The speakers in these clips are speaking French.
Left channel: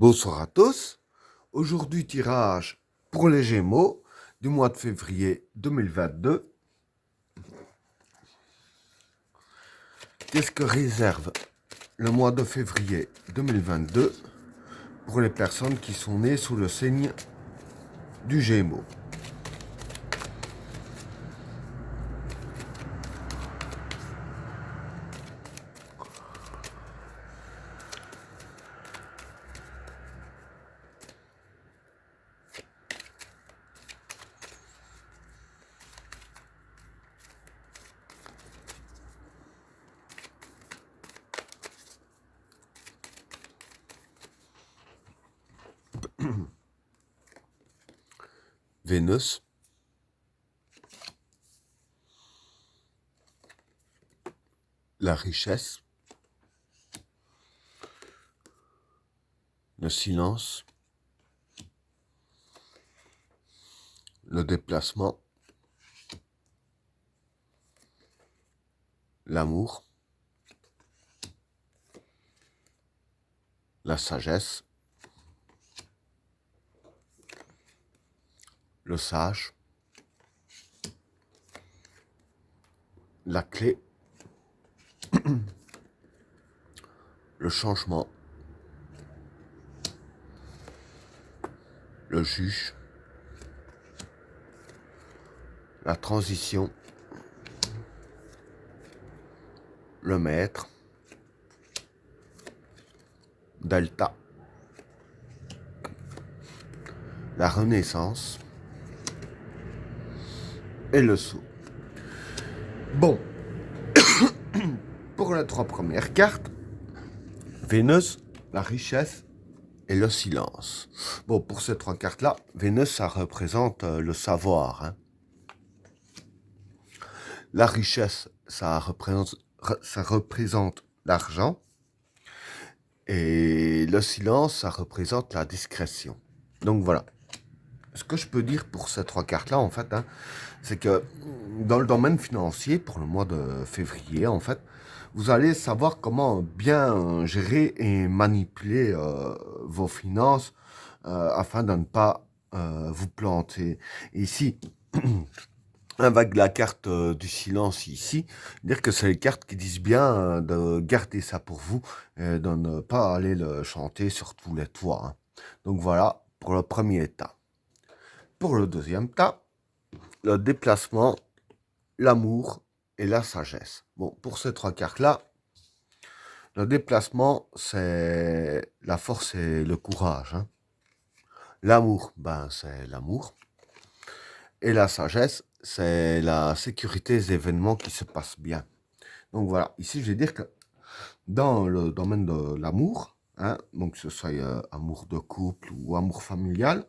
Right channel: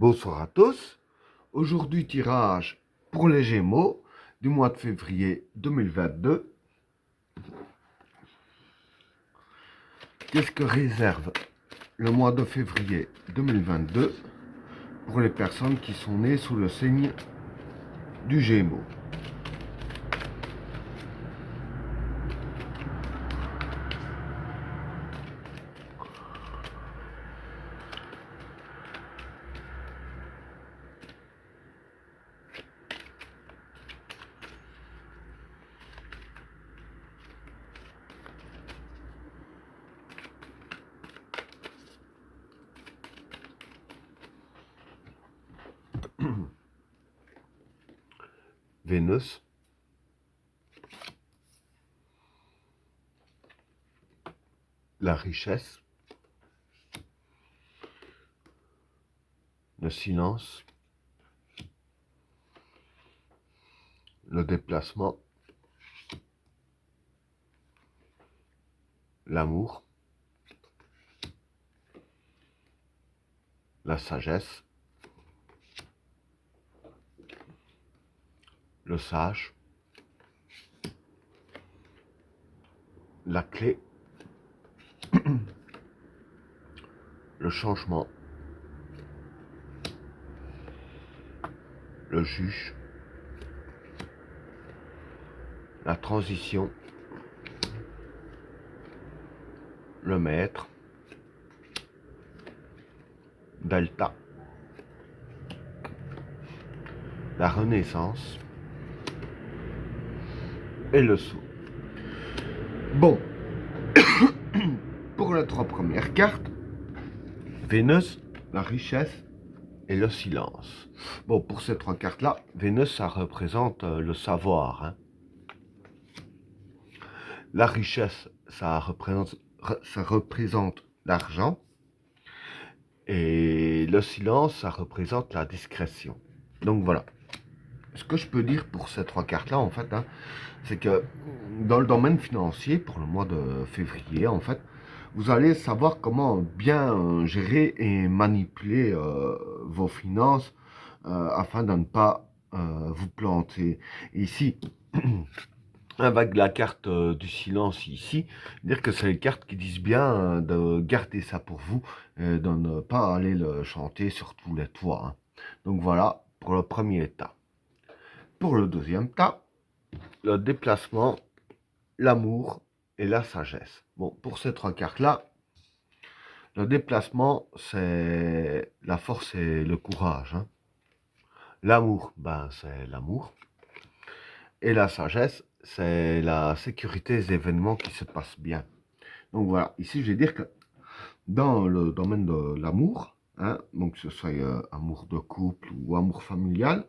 Bonsoir à tous. Aujourd'hui, tirage pour les Gémeaux du mois de février 2022. Qu'est-ce que réserve le mois de février 2022 pour les personnes qui sont nées sous le signe du Gémeaux? Vénus, la richesse, le silence, le déplacement, l'amour, la sagesse, le sage, la clé, le changement, le juge, la transition, le maître, Delta, la renaissance et le saut. Bon, pour les trois premières cartes, Vénus, la richesse et le silence. Bon, pour ces trois cartes-là, Vénus, ça représente le savoir, hein. La richesse, ça représente l'argent. Et le silence, ça représente la discrétion. Donc voilà. Ce que je peux dire pour ces trois cartes-là, en fait, hein, c'est que dans le domaine financier, pour le mois de février, en fait, vous allez savoir comment bien gérer et manipuler vos finances afin de ne pas vous planter. Ici, avec la carte du silence ici, dire que c'est les cartes qui disent bien de garder ça pour vous et de ne pas aller le chanter sur tous les toits, hein. Donc voilà pour le premier tas. Pour le deuxième tas, le déplacement, l'amour et la sagesse. Bon, pour ces trois cartes-là, le déplacement, c'est la force et le courage, hein. L'amour, ben, c'est l'amour. Et la sagesse, c'est la sécurité des événements qui se passent bien. Donc voilà, ici je vais dire que dans le domaine de l'amour, hein, donc que ce soit amour de couple ou amour familial,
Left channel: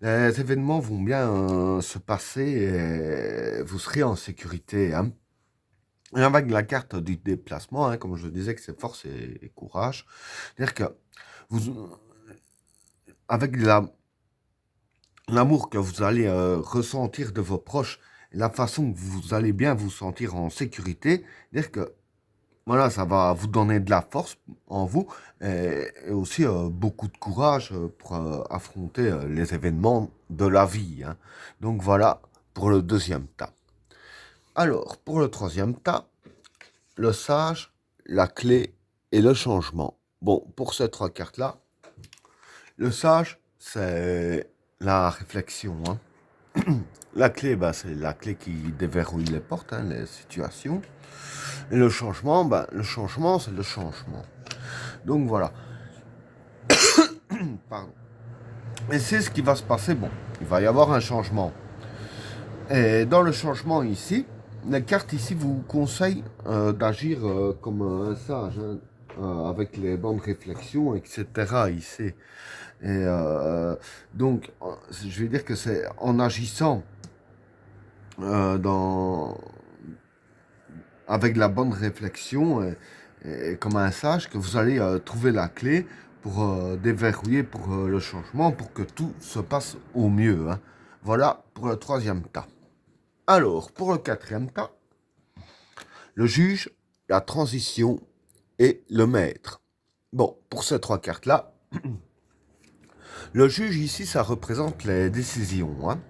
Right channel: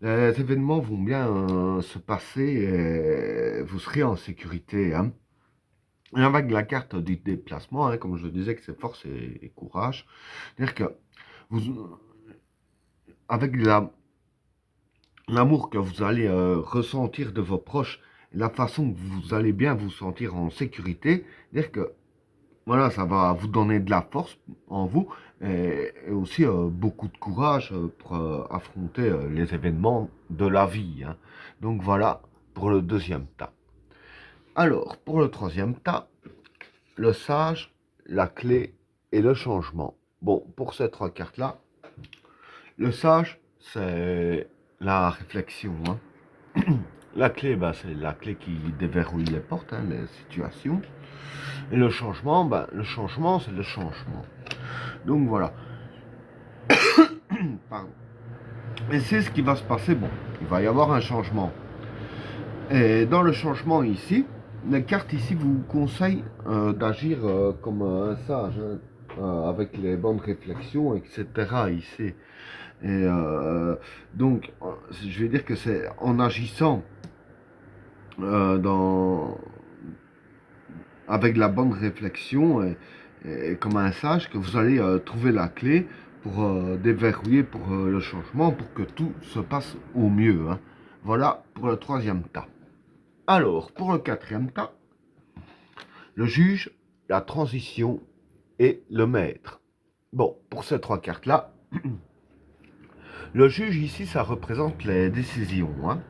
les événements vont bien se passer et vous serez en sécurité, hein. Et avec la carte du déplacement, hein, comme je disais que c'est force et courage, c'est-à-dire que vous, avec l'amour que vous allez ressentir de vos proches, et la façon que vous allez bien vous sentir en sécurité, c'est-à-dire que voilà, ça va vous donner de la force en vous et aussi beaucoup de courage pour affronter les événements de la vie, hein. Donc voilà pour le deuxième tas. Alors, pour le troisième tas, le sage, la clé et le changement. Bon, pour ces trois cartes-là, le sage, c'est la réflexion, hein. La clé, bah, c'est la clé qui déverrouille les portes, hein, les situations. Et le changement, bah, le changement, c'est le changement. Donc voilà. Pardon. Et c'est ce qui va se passer. Bon, il va y avoir un changement. Et dans le changement ici, les cartes ici vous conseillent d'agir comme un sage, hein, avec les bonnes réflexions, etc. ici. Et donc, je vais dire que c'est en agissant dans, avec la bonne réflexion et comme un sage que vous allez trouver la clé pour déverrouiller pour le changement, pour que tout se passe au mieux, hein. Voilà pour le troisième tas. Alors, pour le quatrième tas, le juge, la transition et le maître. Bon, pour ces trois cartes-là, Le juge ici, ça représente les décisions, hein.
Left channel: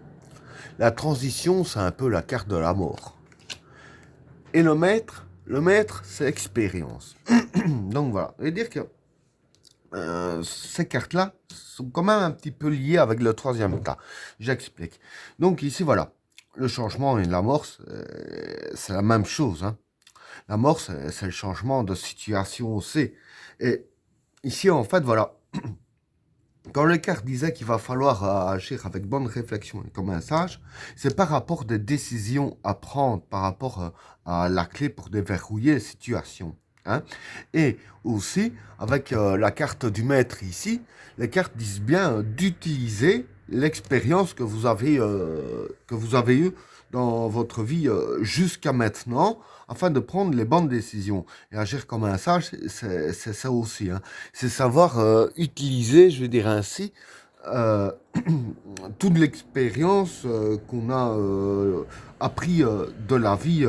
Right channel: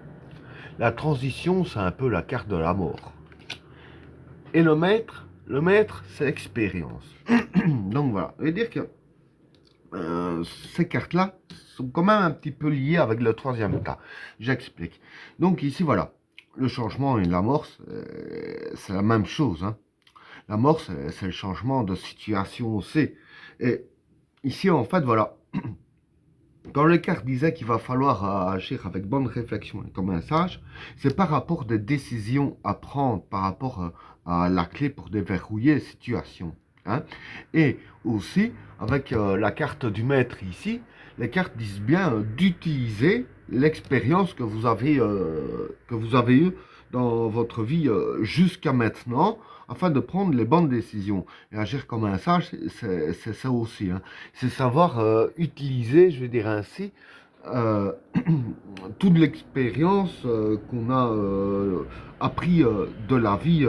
La transition, c'est un peu la carte de la mort. Et le maître, c'est l'expérience. Donc voilà, je veux dire que ces cartes-là sont quand même un petit peu liées avec le troisième tas. J'explique. Donc ici, voilà, le changement et la mort, c'est la même chose, hein. La mort, c'est le changement de situation aussi. Et ici, en fait, voilà, quand les cartes disaient qu'il va falloir agir avec bonne réflexion et comme un sage, c'est par rapport à des décisions à prendre, par rapport à la clé pour déverrouiller les situations, hein. Et aussi, avec la carte du maître ici, les cartes disent bien d'utiliser l'expérience que vous avez eue dans votre vie jusqu'à maintenant, afin de prendre les bonnes décisions. Et agir comme un sage, c'est ça aussi, hein. C'est savoir utiliser, je vais dire ainsi, euh, toute l'expérience qu'on a appris de la vie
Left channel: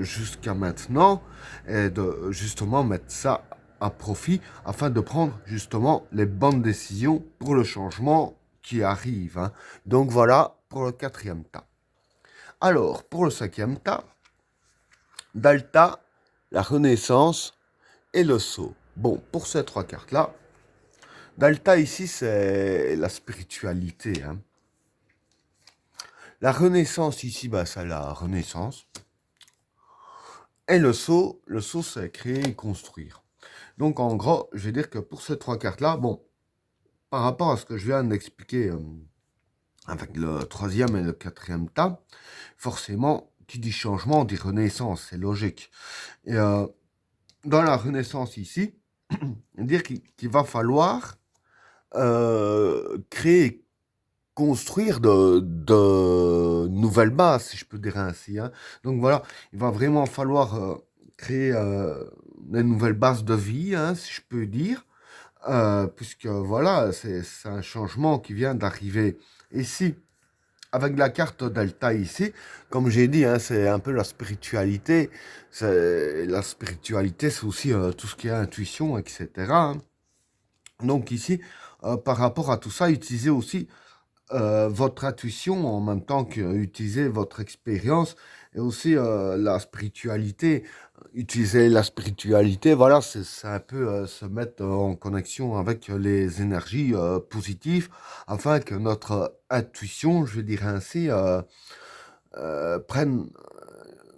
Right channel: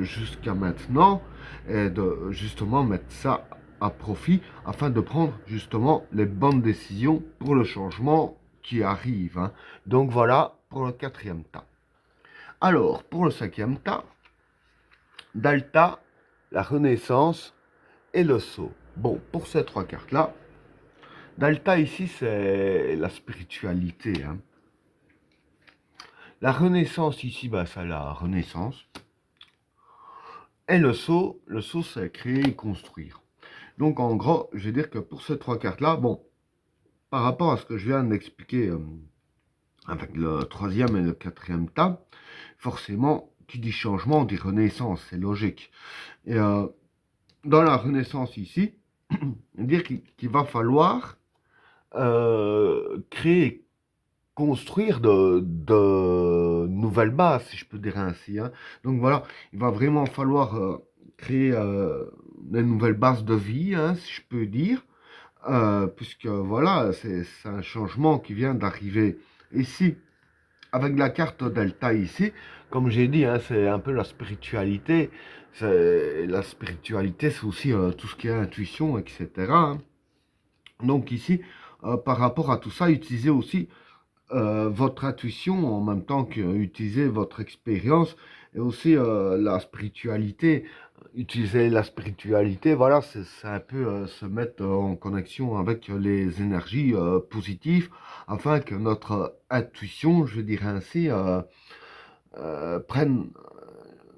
jusqu'à maintenant et de justement mettre ça à profit afin de prendre justement les bonnes décisions pour le changement qui arrive, hein. Donc voilà pour le quatrième tas. Alors, pour le cinquième tas, Dalta, la Renaissance et le Sceau. Bon, pour ces trois cartes-là, Dalta ici, c'est la spiritualité, hein. La Renaissance ici, bah, c'est la Renaissance. Et le Sceau, c'est créer et construire. Donc, en gros, je vais dire que pour ces trois cartes-là, bon, par rapport à ce que je viens d'expliquer avec le troisième et le quatrième tas, forcément, qui dit changement dit renaissance, c'est logique. Et dans la renaissance ici, dire qu'il va falloir créer, construire de nouvelles bases, si je peux dire ainsi, hein. Donc voilà, il va vraiment falloir créer des nouvelles bases de vie, hein, si je peux dire, puisque voilà, c'est un changement qui vient d'arriver ici. Avec la carte Delta ici, comme j'ai dit, hein, c'est un peu la spiritualité. La spiritualité, c'est aussi tout ce qui est intuition, etc., hein. Donc ici, par rapport à tout ça, utilisez aussi votre intuition en même temps qu'utiliser votre expérience et aussi la spiritualité. Utiliser la spiritualité, voilà, c'est un peu se mettre en connexion avec les énergies positives afin que notre intuition, je dirais ainsi, prenne,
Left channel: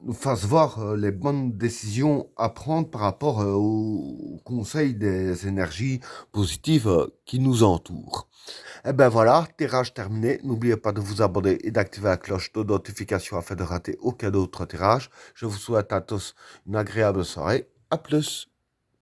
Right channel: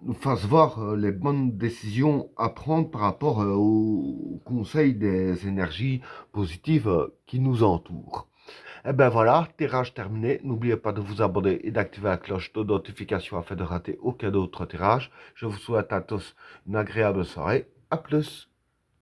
nous fasse voir les bonnes décisions à prendre par rapport aux conseils des énergies positives qui nous entourent. Et ben voilà, tirage terminé. N'oubliez pas de vous abonner et d'activer la cloche de notification afin de rater aucun autre tirage. Je vous souhaite à tous une agréable soirée. À plus.